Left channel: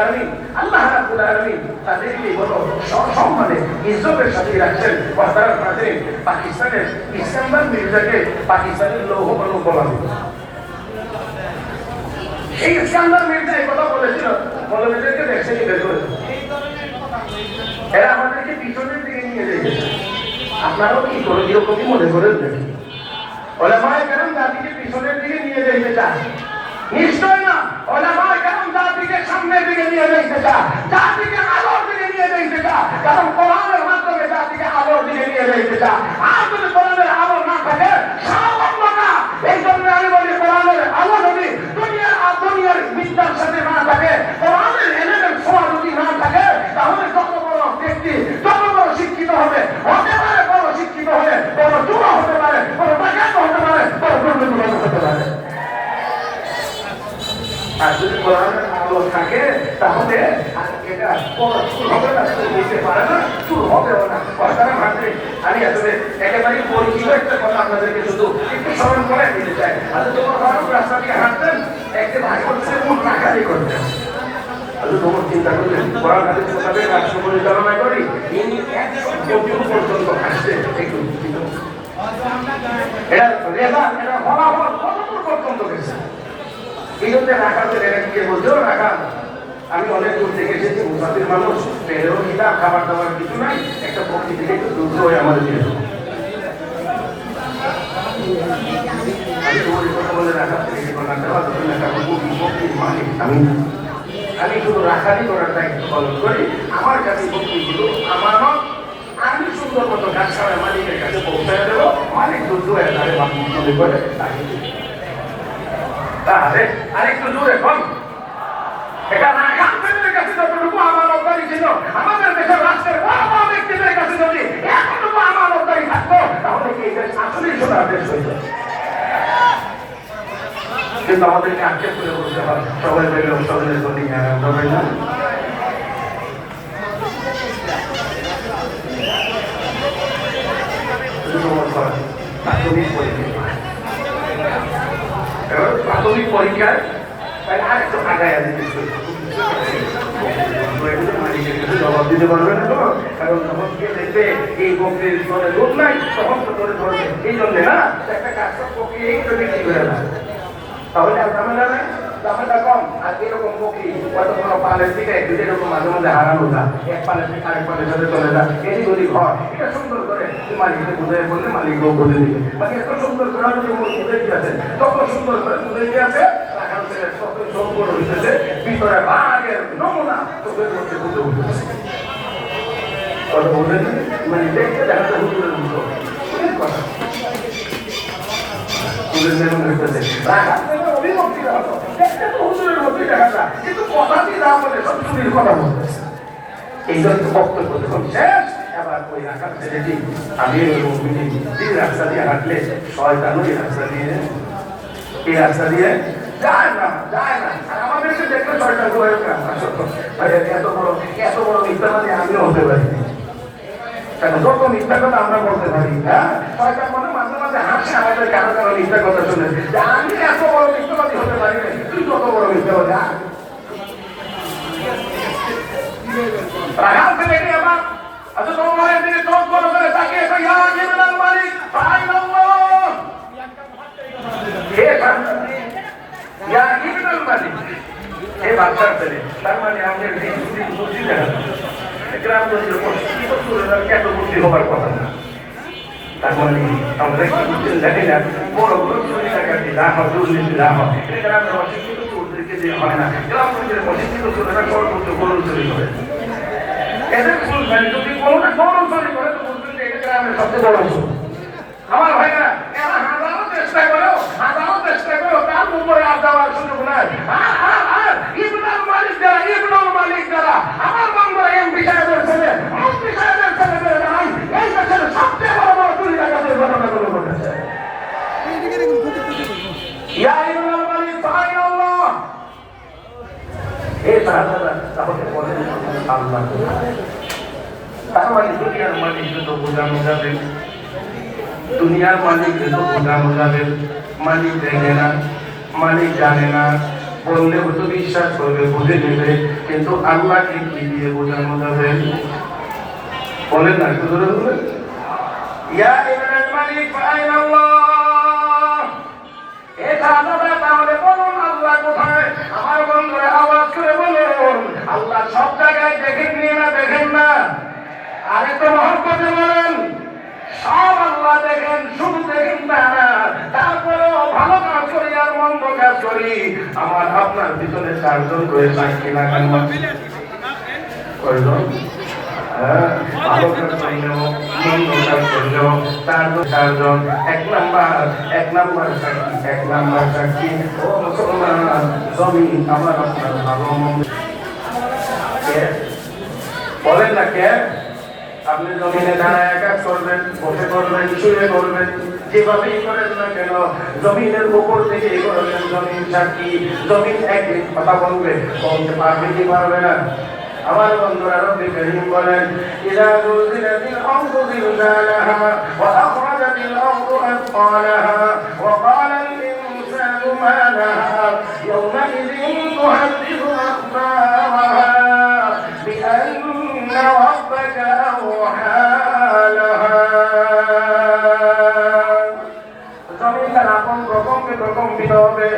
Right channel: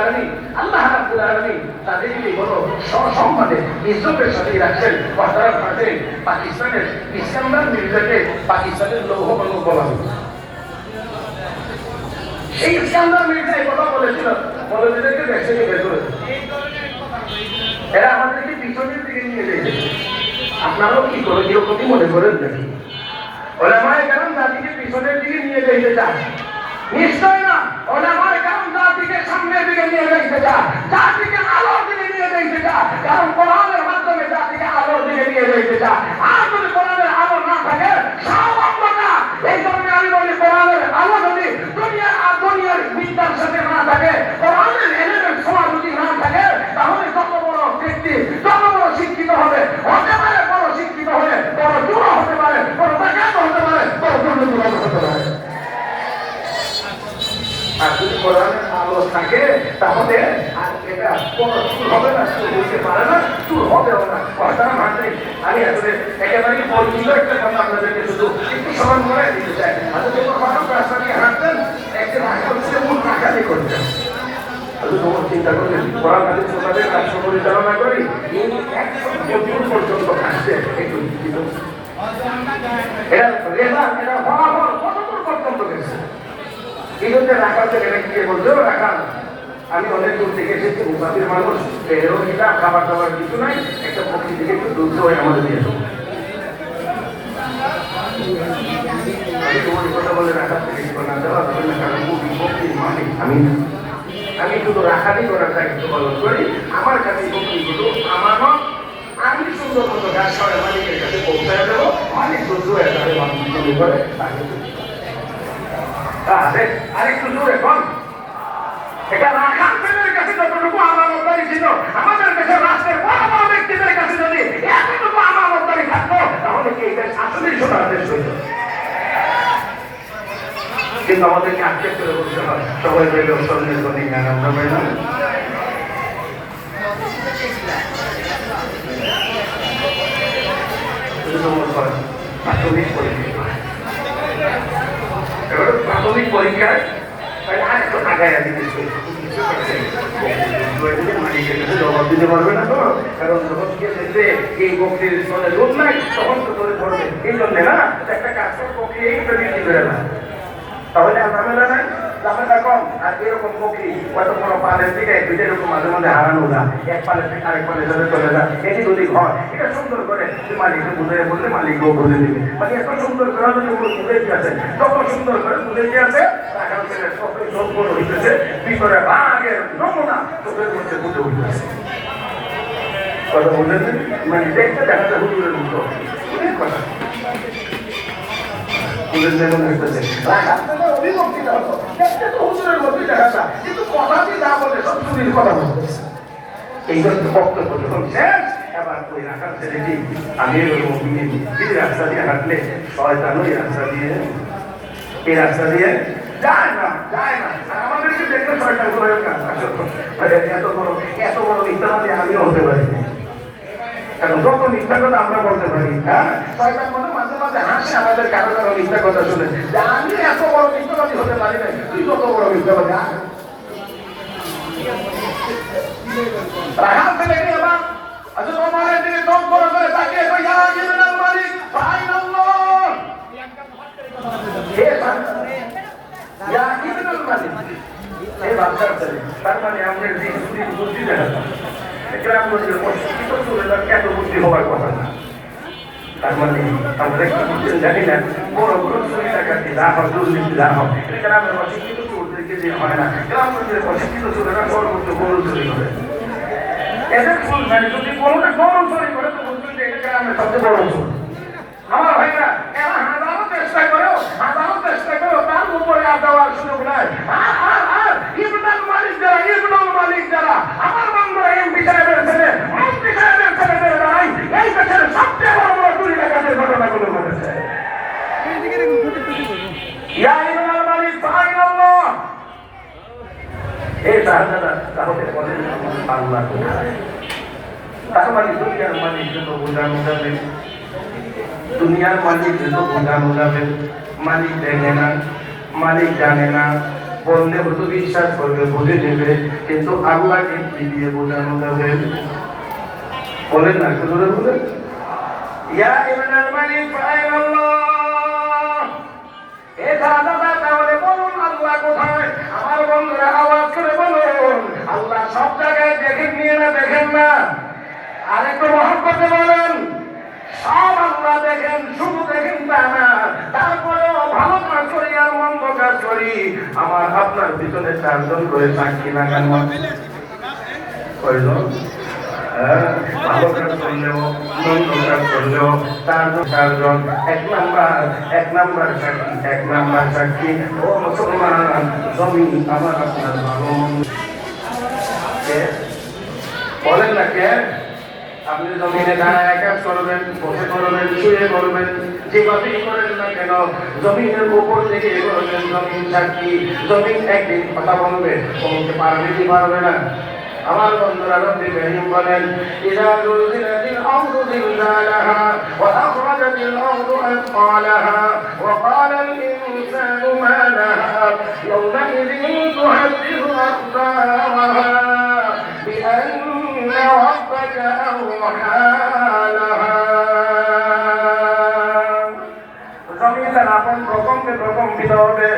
আলামিন আল্লাহ রাব্বুল আলামিন তাদেরকে বড় সম্মানে ইজ্জতের সাথে রাখছেন। ওয়াদার মাঠে পাকিস্তানের ইস্কান্দার মির্জাকে পাকিস্তানের লৌহ মানব বলা হতো। এই ইস্কান্দার মির্জা এই কথা বলেছিল, মৌলভীদেরকে দেশ থেকে বের করে দেয়। এরা আমাদেরকে পিছনের দিকে নিয়ে যেতে। আপনারাও কি করে এরকমই মনে করেন নাকি? ওলামায়ে কেরাম জাতিকে পিছনের দিকে নিয়ে যেতে চায়? নিশ্চয় না। ওলামায়ে কেরাম জাতিকে সামনের দিকে নিয়ে যেতে চায়, জাতিকে আলোর দিকে নিয়ে যেতে চায়। কারণ কোরআনের মাধ্যমে জাতিকে আলোর দিকে নিয়ে যেতে চায়। আর যদি কোরআনের আলো না থাকে সব অন্ধকার। এই জন্য আমি বলি কোরআনের আলো যদি দুনিয়ার বিদ্যার সাথে না থাকে, কোরআনের এলেমের ছোঁয়া যদি না থাকে, তাহলে যত বড় ব্যক্তি যত বড় শিক্ষিত হবে, হতে পারে বড় শিক্ষিত হয়ে বড় চোর হতে পারে, বড় ডাকাত হতে পারে, বড় দুর্নীতিবাজ হতে পারে। আর যদি কোরআনের আলো থাকে তাহলে এটা কোনো চুর হবে না, চুর হইতে পারে না, চুর হবেও না। কথাটা মানতে আমি আসলে একেবারে পরিচিত একটা কথা আপনাদেরকে শুধু একটু স্মরণ করে দিতে চাই। আজ তোমার ফারুক রাস্তা দিয়ে হাঁটতেন, একটা ভাগ করতে মুখ নাকালি করতেন। তোমার চিন্তা করলেন কোরআন হাদিস মোতাবেক রাষ্ট্র পরিচালনা করি, পর্যন্ত কাটছে একটু এটা রেজাল্ট, এটা ফলাফল কতদূর পর্যন্ত গেছে। এই জন্য রাখাতে এরা গিয়ে বলছো রাখা, আমি অনেক দূর থেকে এসেছি, মুসাফির মানুষ, এরও খিদা, খাবার দাবার কিছু নাই, একটা পক্ষী থেকে একটু দুধ হয়ে আমাদের দিয়ে দেবো। আমি তোমার কথা বলে রাখার থেকে না দেওয়া যাবে না, কারণ পক্ষীর মালিক আমি শুধু রাখালি করার দায়িত্ব পালন করি। আমার কাছে পক্ষীগুলো আমারও, আমি সুন্দর মতো গাছ খাওয়ায় মালিকের কাছে পৌঁছায় দেবো। মালিক দুধ হয়ে তারে মনে করে তাহলে আরেকটু জোরে বল। এটা রাখালদের কাছে যতটুকু আমানতদারি ছিল, আমাদের দেশের রাষ্ট্রের বড় বড় ব্যক্তিদের কাছে যদি এতটুকু আমানতদারি থাকতো, তাহলে কি এই দেশ আসলেই সোনার দেশ হইত? কিন্তু আমাদেরকে আক্ষেপ করে বলতে হয় সবাই পেলে স্বর্ণের গণি জ্ঞান আমরা পেলাম। প্রাথমিক পরীক্ষায় আরেকটু আগায় জবাব দিতে পারবে না তো, কারণ যখন কে দেখবে এই বকরির মনে লোক নাই তখন তো ধরে ধরবে। এই জন্য না একটা কাজ বকরি এইটা বিক্রি করে না, তাহলে আর ঝামেলা নাই, ঝামেলা কম। আর এরকম বকরি কত বড় পালের দিকে এরকম মাঝে মাঝে হারানো না, এক পালের থেকে আরেক পালের সাথে চলে যায়, এদিক ওদিক হয়। এটা সুন্দর করে মালিককে বুঝাই বললে মালিকও বলে দিবে। মানে এত সুন্দর করে বুঝে দিয়েছে, যত সুন্দর করে বুঝে দিয়েছে, রাখাল থেকে ততই সম্পূর্ণ হইতেছে, ভিতরে বাঘের নমুনা চোখের মধ্যে বুঝে উঠতেছে। কথা বললেন মানে দেখতে দেখাতে হুজুরের মতো কথা কিন্তু কথাটি না বলে সব চুরির কথা বলতেছে। এই জন্য বক্তব্য যখন শেষ, এবার ওই রাখার ছেলেটি আমি রাস্তা দিয়ে হাঁটলে শয়তান ওই রাস্তা দিয়ে এই রাস্তা দিয়ে যায় না। আর আমাদেরকে দেখলে শয়তান এত বড় মিথ্যাবাদী আমিও হতে পারি, কারণ যত মিথ্যা কথা আমরা বলতে পারি। হ্যাঁ, শয়তান মনে মাঝে মাঝে হাসে আমাদের কারো কারো মিথ্যা কথা শুনে, যে আমি এত বড় মিথ্যাবাদী হতে পারি না, তুই যত বড় মিথ্যাবাদী। রাখাল ছেলেটি আবার আচ্ছা তোমার দিকে চোখ বড় করে তাকিয়ে মালিক বাচ্চার ছেলে, তার মানে আমাদের বুদ্ধি দেখাতাম গ্রামগঞ্জের মসজিদ এত বুদ্ধি হবার কথা না। তার মানে আমরা একটু বুঝছেন জানি না, বড় বড় চুরি ডাকাতি যা হয়, দুর্নীতি যা হয়, গ্রামের অশিক্ষিত চোরদেরকে দিয়ে হয় না। গ্রামগঞ্জের অশিক্ষিত চোরেরা সর্বোচ্চ গরু চুরি করে। এদের বুঝবেন যদি কোনোটা গরু চুরি করে তো বুঝবেন যে এটা গ্রামের সবচেয়ে বড় চোর। আমার ভাইরা এরা হাজারো চেষ্টা করেও তার উপরে আর দেওয়ার সুযোগ নাই। আর ইবনুল মালিক যারা আমার বাংলা এমপি সাহেবের ছেলে, মন্ত্রী সাহেবের ছেলেদের দ্বারাই এই দেশের সবচেয়ে বড় বড় চুরি ডাকাতির ঘটনাগুলো ঘটেছে। ইয়া ইবনুল মালিক সুবহানাল্লাহ, এই সাহাবারা তাহলে বলেন আল্লাহ কোথায়? তার মানে দুনিয়ার মালিক তো বোঝানো যাবে, দুনিয়ার মালিক তো বোঝানো যাবে, মালিক দেখে না, মালিক জানে না, বললে হয়তো বিশ্বাস করবে, বুঝে নেবে, কিন্তু আল্লাহকে কি দিয়ে বোঝানো যাবে? বলেন না, একটু জোরে বলেন। ইয়া ইবনাল মালিক আইনা আল্লাহ। এ দাদা তাহলে বলুন আল্লাহ কোথায়? আমার বন্ধুরা আওয়াজ করে বলুন, আল্লাহ সব জায়গায় দেখেন নিয়ে না, দেখেন না? আরেকটু মহব্বতে বলেন, সব আল্লাহ দেখেন, শুধু দেখেন তা না, তারপরেও ভালো কাজ করি আর মন্দ কাজ করি আমার আপনার পিছনে 4 জন করে সাক্ষী লাগানো। কয়জন? ভালো কাজ করলেও মন্দ কাজ করলেও 4 জন। এক নাম্বার সাক্ষী, 1 নাম্বার সাক্ষী। ও মুসলমান, জমি আমার আপনার ভালো মন্দ বলেন না কে? আপনি জমিনে দাঁড়ায় কাজ করবেন, বসে করবেন, শুয়ে করবেন, যেভাবেই করেন না কেন, জমিনের উপর থেকে করবেন, জমিন সাক্ষী। জমিন একদিন কথা বলবে, বলতে পারবে কি পারবে না? আমার বন্ধুরা রব্বি কারীম বলেন, ইযা যুলজিলাতিল আরদু জিলজালাহা ওয়া আখরাজাতিল আরদু আথqalaha ওয়া ক্বালাল ইনসানু মা লাহা ইয়াওমাইযিন তুহাদ্দিথু আখবারাহা বিআন্না রাব্বাকা আওহা লাহা। জমিনদার আপন রকমকে প্রকম্পিত হবে,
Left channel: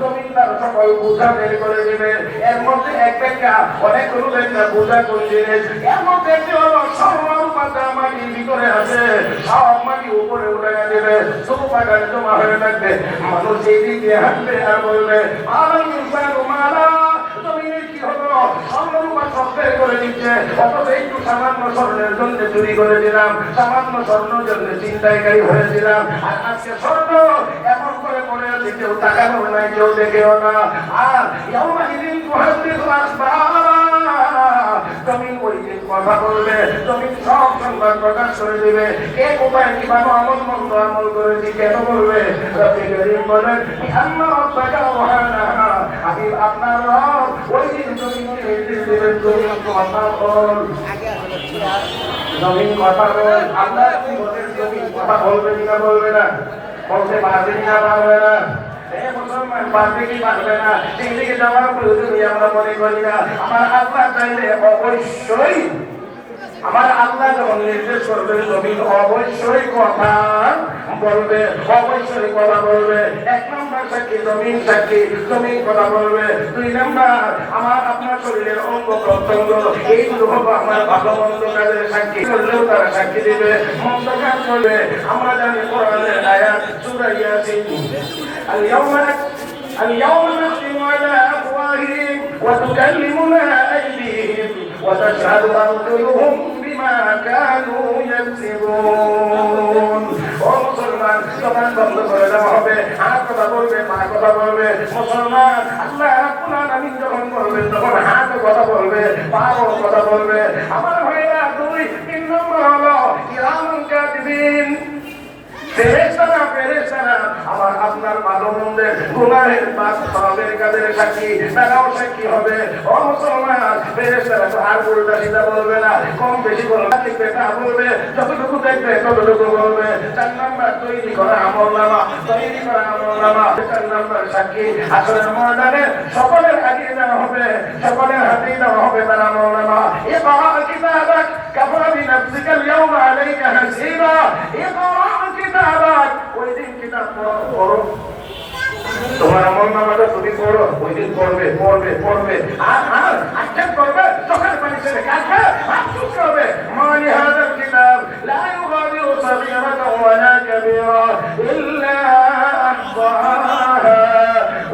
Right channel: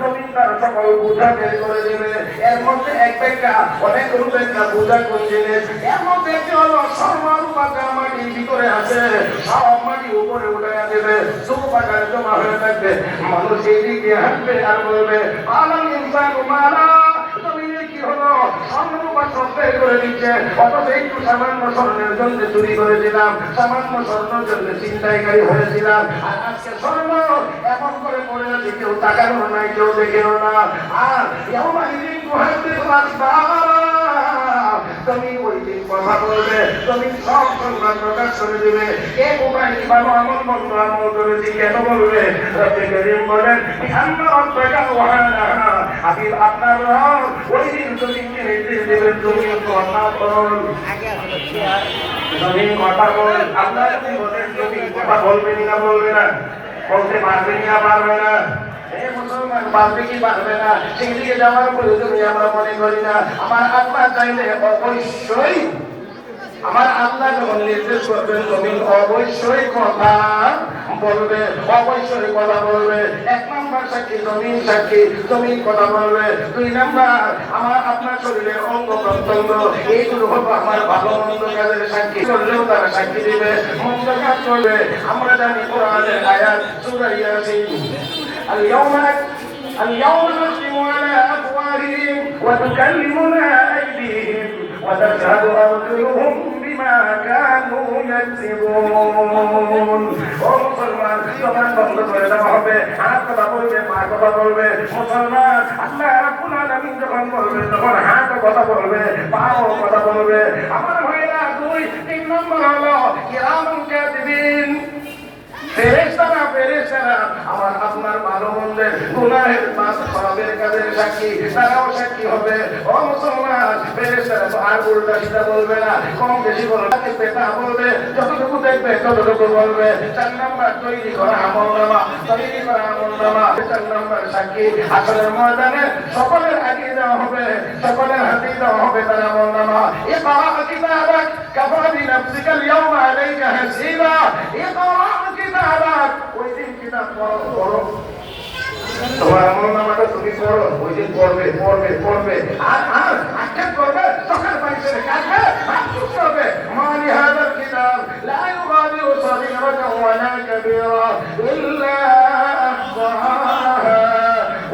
জমিনদার সকল বোঝা বের করে দেবে। এর মধ্যে এক ব্যাখ্যা, অনেকগুলো ব্যাখ্যা, বোঝা কোন জিনিস? এর মধ্যে একটি হলো স্বর্ণরূপা যা মাটির ভিতরে আছে, সব মাটি উপরে উঠে দেবে, চৌপাটারে জমা হয়ে থাকবে। মানুষ এই দিক দিয়ে হাঁটবে আর বলবে, আলাল ইনসানু মা লাহা। জমিনের কি হলো? স্বর্ণরূপা সব বের করে দিচ্ছে, অথচ একটু সামান্য স্বর্ণের জন্য চুরি করেছিলাম, সামান্য স্বর্ণের জন্য চিন্তাকারী হয়েছিলাম, আর আজকে স্বর্ণ এমন করে পড়ে আছে, কেউ তাকানো নাই, কেউ দেখেও না। আর ইয়াওমাইযিন তুহাদ্দিথু আখবারাহা, তুমি ওই দিন কথা বলবে, তুমি সব সংবাদ প্রকাশ করে দেবে। কে কোথায় কিভাবে আমল মন্দ আমল করেছি কেন বলবে? রব্বি কারীম বলেন, বিআন্না রাব্বাকা আওহা লাহা। হাবিব আপনার রব ওই দিন জমিনকে নির্দেশ দেবেন, জমিন কথা বল, জমিন কথা বল। আল্লাহ বলেন, জমিন কথা বলবে না, বলবে না? বলতে পারবে না, পারবে না? মুসলমান পারবে কি পারবে না? সেই দিকে যাওয়ার প্রয়োজনই আমরা মনে করি না। আমার আল্লাহ চাইলে অবশ্যই, আমার আল্লাহ যখন নির্দেশ করবেন, জমিন অবশ্যই কথা বলবে, অবশ্যই কথা বলবে। 1 নাম্বার সাক্ষী জমিন সাক্ষী, জমিন কথা বলবে। 2 নাম্বার আমার আপনার শরীরের অঙ্গ প্রত্যঙ্গ, এইগুলো হলো আমার ভালো মন্দ কাজের সাক্ষী, করলেও তারা সাক্ষী দিবে, মন্দ কাজ করবে। আমরা জানি কোরআনের আয়াত সূরা ইয়াসিন, اليوم نختم على أفواههم وتكلمنا أيديهم وتشهد أرجلهم بما كانوا يكسبون। ও মুসলমান, জবান বন্ধ করে দেওয়া হবে, হাত কথা বলবে, পা কথা বলবে। মুসলমান, আল্লাহ রাব্বুল আলামিন যখন বলবে, তখন হাত কথা বলবে, পাও কথা বলবে। আমার ভাইরা 2-3 নম্বর হলো কিরামান কাতিবিন, ফেরেশতারা আমার আপনার ভালো মন্দের গুনাহের পাপ সওয়াবের কাজের সাক্ষী, তারাও সাক্ষী হবে। ও মুসলমান, ফেরেশতারা তো আর উল্টা সিধা বলবে না, কম বেশি বলবে না, বেটা বলবে, যতটুকু দেখবে ততটুকু বলবে। 4 নাম্বার তৈরি করা আমলনামা, তৈরি করা আমলনামা। 4 নাম্বার সাক্ষী আসরের ময়দানে সকলের আগে দেওয়া হবে, সকলের হাতেই দেওয়া হবে তার আমলনামা। ইকরা কিতাবাক কাফা বিনাফসিকা আল-ইয়াওমা আলাইকা হাসিবা। ইকরা কিতাবাক, ওই দিন কিতাব পড়ো, তোমার আমলনামাটা তুমি পড়ো, ওই দিন পড়বে পড়বে পড়বে, আর আক্ষেপ করবে, চোখের পানি ছেড়ে কাঁদবে, আফসোস করবে, মালি হাযাল কিতাব লা ইউগাদিরু সাগীরাতান ওয়ালা কাবীরা ইল্লা আহসাহা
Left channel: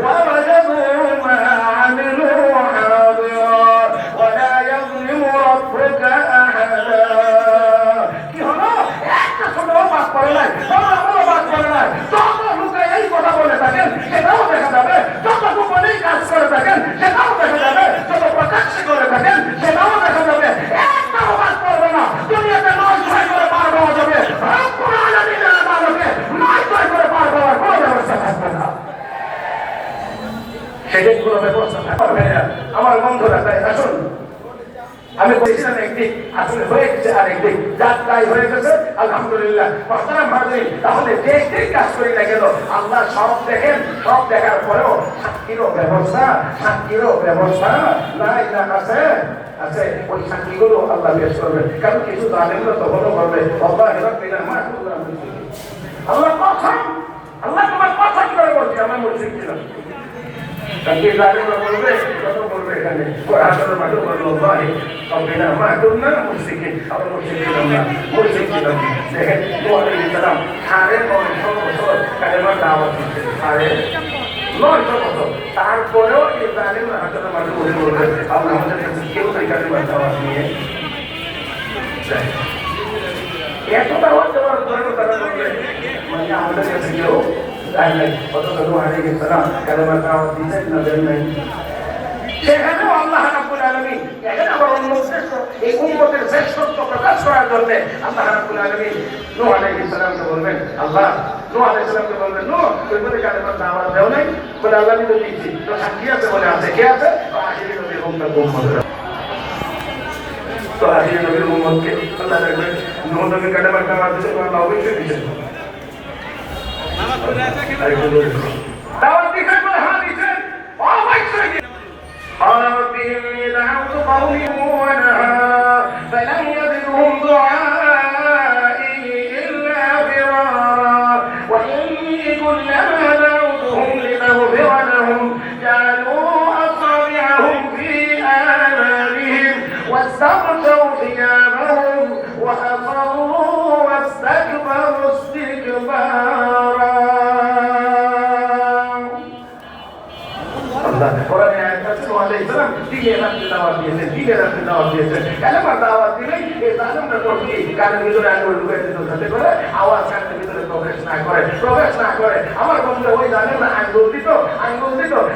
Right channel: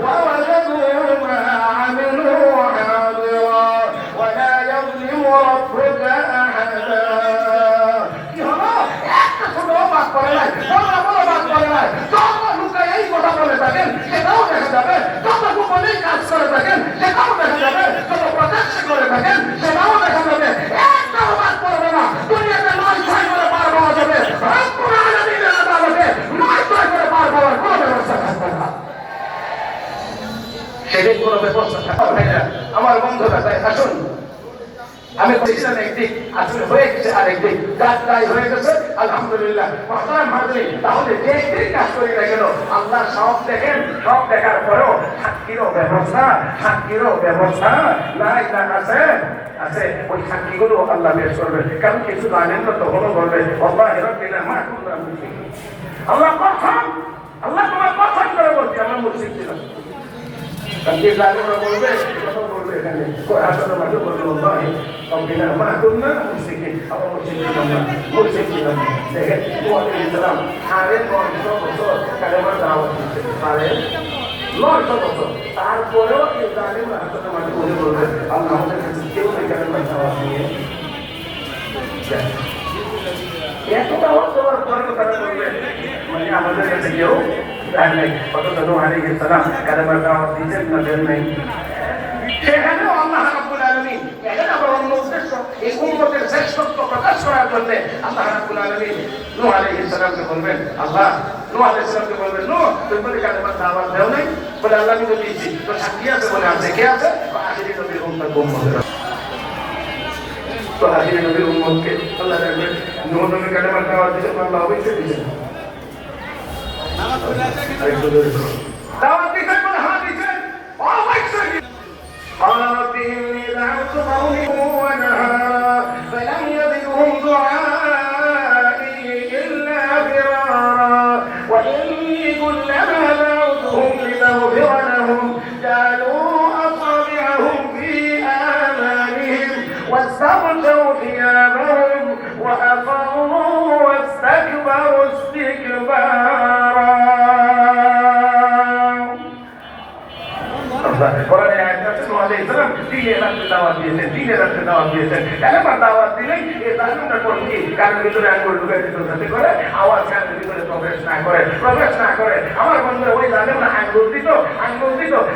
ওয়া ওয়াজাদু মা আমিলু হাদিরা ওয়া লা ইয়াযলিমু রাব্বুকা আহাদা। কি হলো? একটা ছোট বাদ করে নাই, বড় বাদ করে নাই। যত লোকে এই কথা বলে থাকেন সেটাও দেখা যাবে, যত গোপনেই কাজ করে থাকেন সেটাও দেখা যাবে, যত প্রকাশ্যে করে থাকেন সেটাও দেখা যাবে। একটাও বাদ করবে না। দুনিয়াতে 9-6 করে পার পাওয়া যাবে, রব্বুল আলামিনের আদালতে 9-6 করে পার পাওয়ার কোনো ব্যবস্থা থাকবে না। সেদিন কোনো ব্যবস্থা থাকবে না। আমার বন্ধুরা, তাই আসুন আমি বলেছিলাম একদিক, আসলে হয়ে গেছে আরেকদিক, যার তাই হয়ে গেছে আলহামদুলিল্লাহ। মহতারাম হাজিরিন, তাহলে যে একদিক কাজ করি না কেন আল্লাহ সব দেখেন, সব দেখার পরেও সাক্ষীরও ব্যবস্থা নাই না আছে আছে, ওই সাক্ষীগুলো আল্লাহ বেশ করবে। কারণ কিছু জানেন না তখনও বলবে আল্লাহ আল্লাহ কসম, আল্লাহ তোমার কসম করে বলছি আমরা মুশরিক ছিলাম। বলবে এখানে আসলে মাঠে বলবো ভাই মা করুন না মুশরিক, আমরা মুশরিক ছিলাম না। দেখেন তোমাদের ইসলাম 950 বছর কালেমা দাওয়াত দিচ্ছে, 950 বছর। তারপরেও এই জালেমরা আসলে মাঠে বলে বলবে আমরা আমাদের কাছে কেউ নাই কালেমা দাওয়াত নিয়ে যায়। এত দাওয়াত দেওয়ার পরেও তারা বলবে মানে আমাদের কাছে কেউ সেখানেও আল্লাহ রাব্বুল আলামিন এখানে আবার অন্য উদ্দেশ্য, এই উম্মতের শ্রেষ্ঠত্ব প্রকাশ করার জন্য আল্লাহ রাব্বুল আলামিন নূহ আলাইহিস সালামকে বলবেন, আল্লাহ নূহ আলাইহিস সালামকে বলবেন, নূহ তুমি বলে কালেমার দাওয়াত দাও নাই? বলে আল্লাহ আমি তো দিয়েছি, তো সাক্ষী আছে? বলে আছে। কে আছে? আখিরি নবীর উম্মতের। তো আখিরি নবীর উম্মতকে আল্লাহ দেখবেন নূহ নবীর কালেমার দাওয়াত দিতে আল্লাহ অবশ্যই দিয়েছেন। দাওয়াত দিয়েছেন বলে হ্যাঁ দিয়েছেন, অবশ্যই দিয়েছেন। قال رب إني دعوت قومي ونهارا فلم يزدهم دعائي إلا فرارا وإني كلما دعوتهم لتغفر لهم جعلوا أصابعهم في آذانهم واستغشوا ثيابهم وأصروا واستكبروا استكبارا। কোরআনে আয়াত আছে নূহ আলাইহিস সালাম দিনে রাতে দাওয়াত দিয়েছেন। কালেমার দাওয়াত দিলেই এই জালেমরা করবে কি? কানের ভিতরে আঙ্গুল ঢুকাই দিত যাতে করে আওয়াজ কানের ভিতরে প্রবেশ না করে। আমার বন্ধুরা ওই জালেমরা আঙ্গুল দিত।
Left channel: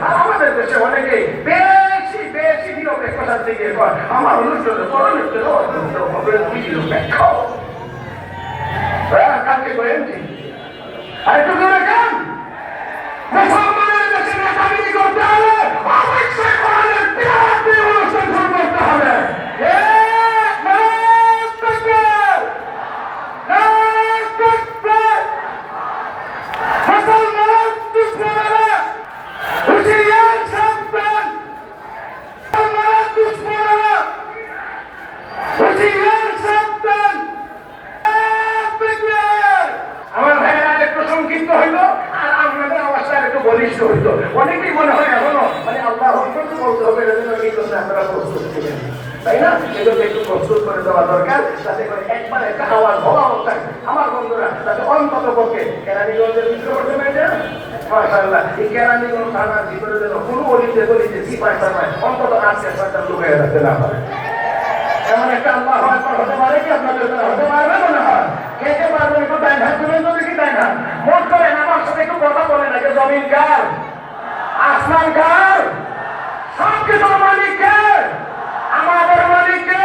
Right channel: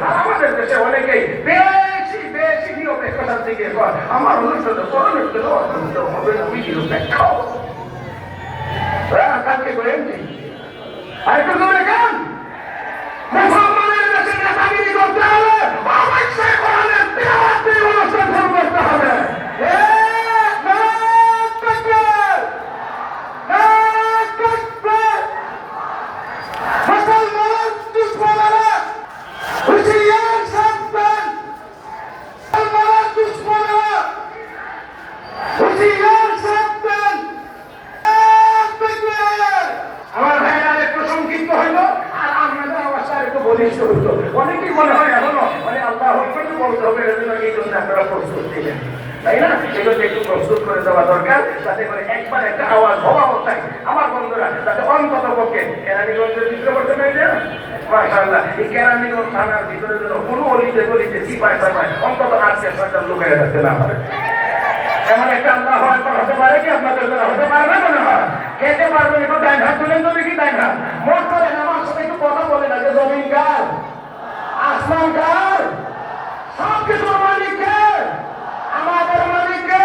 আর আমাদের দেশে অনেকেই বেশি নিরপেক্ষতার দিকে কয় আমার অনুষ্ঠানে হবে নিরপেক্ষ। কালকে করেন আরেকটু জোরে গান। মুসলমানের দেশে নেতাগিরি করতে হলে অবশ্যই কোরআনের তিলাওয়াত দিয়ে অনুষ্ঠান শুরু করতে হবে। মুসলমান দুশ্মনেরা হুঁশিয়ার সাবধান, আমার ভাইয়েরা একটু সংক্ষিপ্ত হইল আর আপনাদের আওয়াজটা একটু বলিষ্ঠ হইত। অনেকেই মনে হয় এখনো মানে আল্লাহ বলতে হবে, এই জন্য আপনারা প্রস্তুত ছিলেন, তাই না? এগুলো একটু প্রস্তুত করে দেওয়া দরকার, যাতে করে একবার একটা আওয়াজ হওয়া অবস্থায় আমার বন্ধুরা যাতে অন্তত পক্ষে কেরানীগঞ্জের ভিতরে করতে নাই যে মাশাআল্লাহ এই কেরানীগঞ্জ থানার ভিতরে যেন কোনো অলিতে গলিতে সিপাহি সাপাই অন্তত 8-10 লুকিয়ে রাখতে না পারে। এমন একটা আল্লাহু আকবার হতে পারে কি? আপনাদের দ্বারা হতে পারবে মনে হয়? খেতে পারবেন? একটু ডাইন হাত তুলেন তো দেখি, ডাইন হাত মোট করেন। আমার সাথে একটু কথা বলেন আগে। জমিন কার? আসমান কার? সব কিছুর মালিক কে? আমাদের মালিক কে?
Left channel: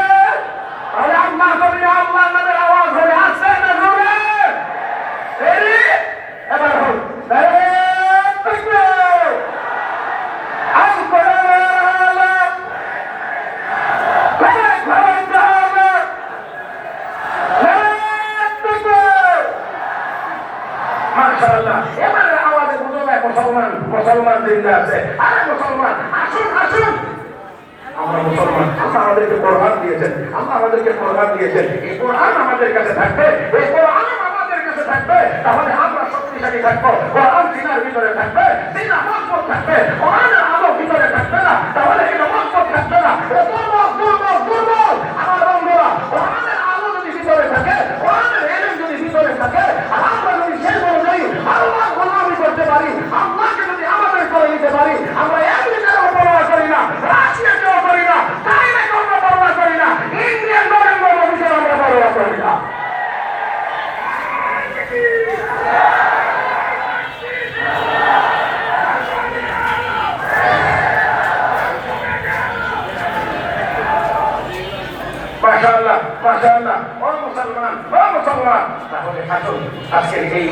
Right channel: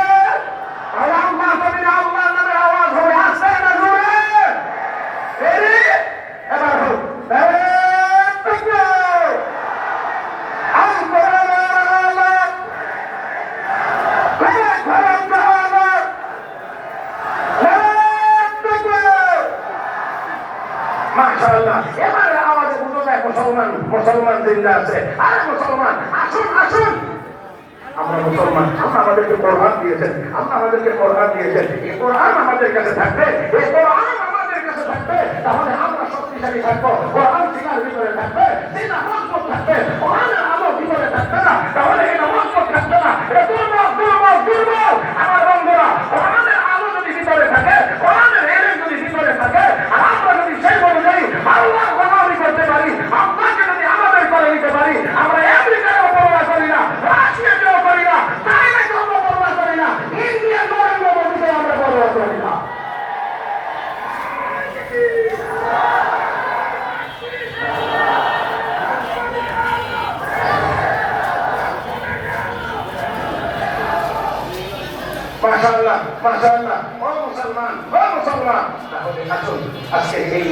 তাহলে আল্লাহ কবি আল্লাহ নামের আওয়াজ হবে, আসছে না জোরে? এবার হোক মাশাআল্লাহ। এবারে আওয়াজে বুঝো যায় মুসলমান জিন্দা আছে। আরে মুসলমান আসুন। আমরা মুসলমান, আল্লাহ আমাদেরকে কোরআন দিয়েছেন। এই কোরআন আমাদের কাছে থাকবে, তাহলে আমরা শক্তিশালী থাকবো। কোরআন সিনার ভিতরে থাকবে, সিনা মজবুত থাকবে। কোরআনের আলো ভিতরে থাকবে না, তাহলে এটা মজবুত থাকবে না, এটা দুর্বল। আমার বন্ধুরা, কোরআনের আলো যদি ভিতরে থাকে, কোরআনের এলেম যদি ভিতরে থাকে, আর আমরা যদি সেই অনুযায়ী আল্লাহর গোলামি করতে পারি, আল্লাহকে যদি আমাদের করে নিতে পারি, আমরা আমেরিকারও পরোয়া করি না, রাশিয়াকেও করি না, চাইনাকেও আমরা পরোয়া করি না, ইন্ডিয়ান নরেন্দ্র মোদীকেও আমরা পরোয়া করি না। মাশাআল্লাহ। ও মুসলমান। তাহলে আসুন আজকে এই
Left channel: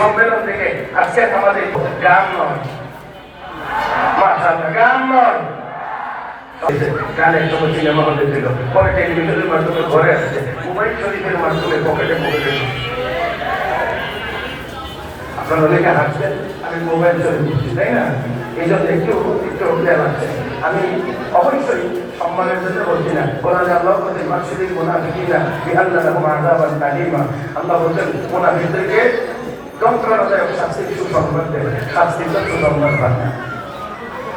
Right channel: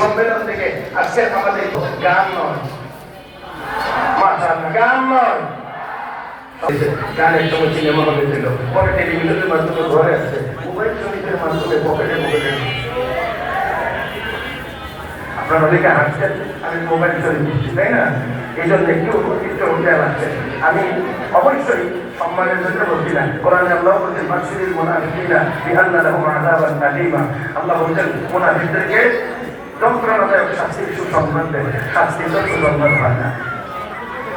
সম্মেলন থেকে আজকে আমাদের গান নয়, মাশাআল্লাহ গান নয়, গান এক সময় সিনেমা হলে ছিল, পরে টেলিভিশনের মাধ্যমে ঘরে আসছে, মোবাইল শরীফের মাধ্যমে পকেটে পকেটে। আপনারা অনেকে হাসছেন, আমি মোবাইল শরীফ দিচ্ছি, তাই না? এই জন্য একটু খেয়াল আসছে। আমি অবশ্যই সম্মানের জন্য বলছি না। কোরআনে আল্লাহ বলছেন বাশশিরিল মুনাফিকিনা বিআন্না লাহুম আযাবান আলীমা। আল্লাহ বলছেন মুনাফিকদেরকে যন্ত্রণাদায়ক শাস্তির সুসংবাদ দেন, শাস্তির সুসংবাদ হয় না।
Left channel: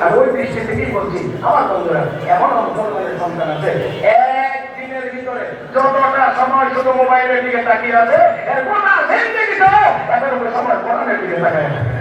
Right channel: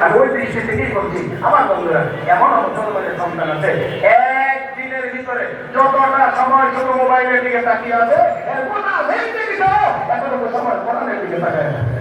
আর ওই দৃষ্টি থেকেই বলছি আমার বন্ধুরা, এমন মুসলমানের সন্তান আছে একদিনের ভিতরে যতটা সময় শুধু মোবাইলের দিকে তাকিয়ে আছে, এর গোটা জিন্দেগিটাও এতটুকু সময় কোরআনের দিকে তাকিয়ে থাকে।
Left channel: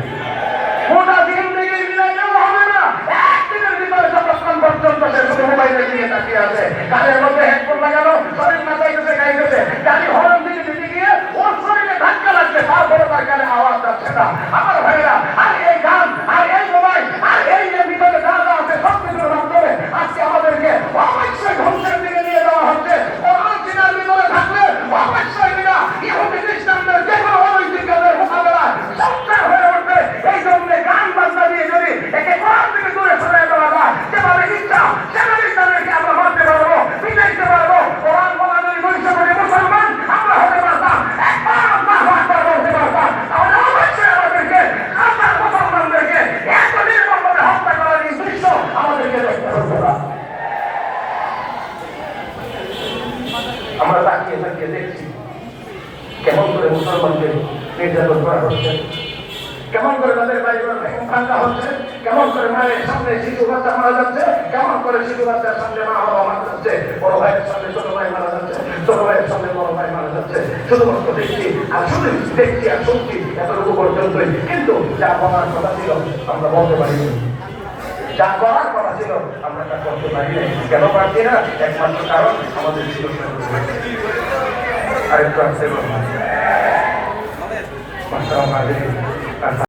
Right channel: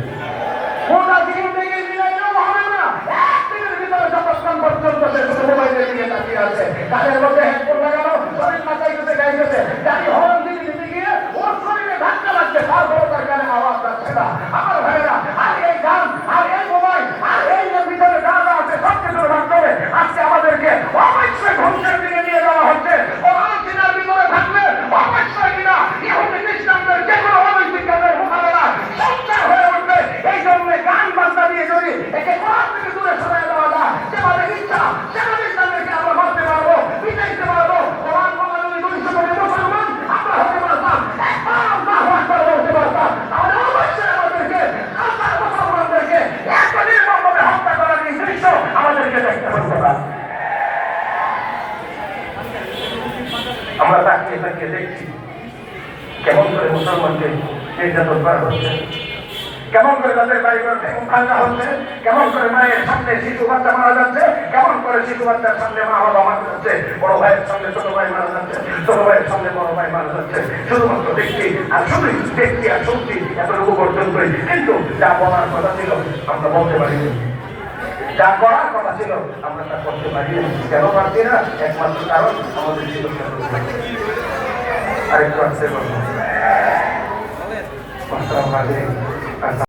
গোটা জিন্দেগি মিলাইলেও হবে না, একদিনের ভিতরে যতক্ষণ পর্যন্ত সে শুধু মোবাইলের দিকে তাকিয়ে আছে, কানের মধ্যে হেডফোন লাগানো, শরীর মাথাইতেছে গাইতেছে, গাড়ি হরন দিকে দিতে গিয়ে ওর শরীরে ধাক্কা লাগছে, তারপরে তার কানে আওয়াজ যাচ্ছে না। আমার ভাইয়েরা, আর এই গান আর এই মোবাইল আর এই যে ভিতরে যা যা আছে সব কিছুর মাধ্যমে আজকে আমাদেরকে অবশ্যই ধ্বংসের দিকে নিয়ে যাওয়া হচ্ছে। কোরআন চিনার ভিতরে থাকলে অবশ্যই কিনা ইহুদি খ্রিস্টানদের যে কোনো অনৈতিক কাজের মোকাবেলা সঞ্চার হয়ে উঠবে। এই জন্য গান বাজনা দিয়ে যদি একে কোরআন থেকে দূরে সরে দেওয়া যায়, যেভাবে ইচ্ছা সেভাবে তাদেরকে আমরা মারতে পারবো, পিটাইতে পারবো। কোরআন বলা যদি 200 কোটি মুসলমান আমরা হতে পারতাম, একবার আল্লাহু আকবার বলতে পারতাম, তাহলে অবশ্যই আমাদেরকে হাজার মুসলমানদেরকে এত নির্মমভাবে হত্যা করার এই দৃশ্য আমাদেরকে দেখতে হতো না। আমরা তাকিয়ে তাকিয়ে দেখছি কেমন করে মুসলমানকে নির্যাতন করা হচ্ছে, কেমন করে তাদের বাড়িঘর ভাঙা হচ্ছে, কেমন করে মায়ের সামনে শিশু বাচ্চা মারা যাচ্ছে, কেমন করে শিশু বাচ্চার সামনে মা বাবা মারা যাচ্ছে, বড় ভাইয়ের সামনে ছোট ভাই মারা যাচ্ছে, ছোট ভাইয়ের সামনে বড় ভাই মারা যাচ্ছে। শুধুমাত্র দেখছি আর শুধুই দেখছি আর শুনছি, এতটুকু পর্যন্তই। কিন্তু যা বলার কথা ছিল আমরা বলতে পারিনি, যা করার কথা ছিল আমরা তা করতে পারি না। কেন পারছি না? একমাত্র কারণ আমাদের শিক্ষা। আরেকটু আসতে পারবো।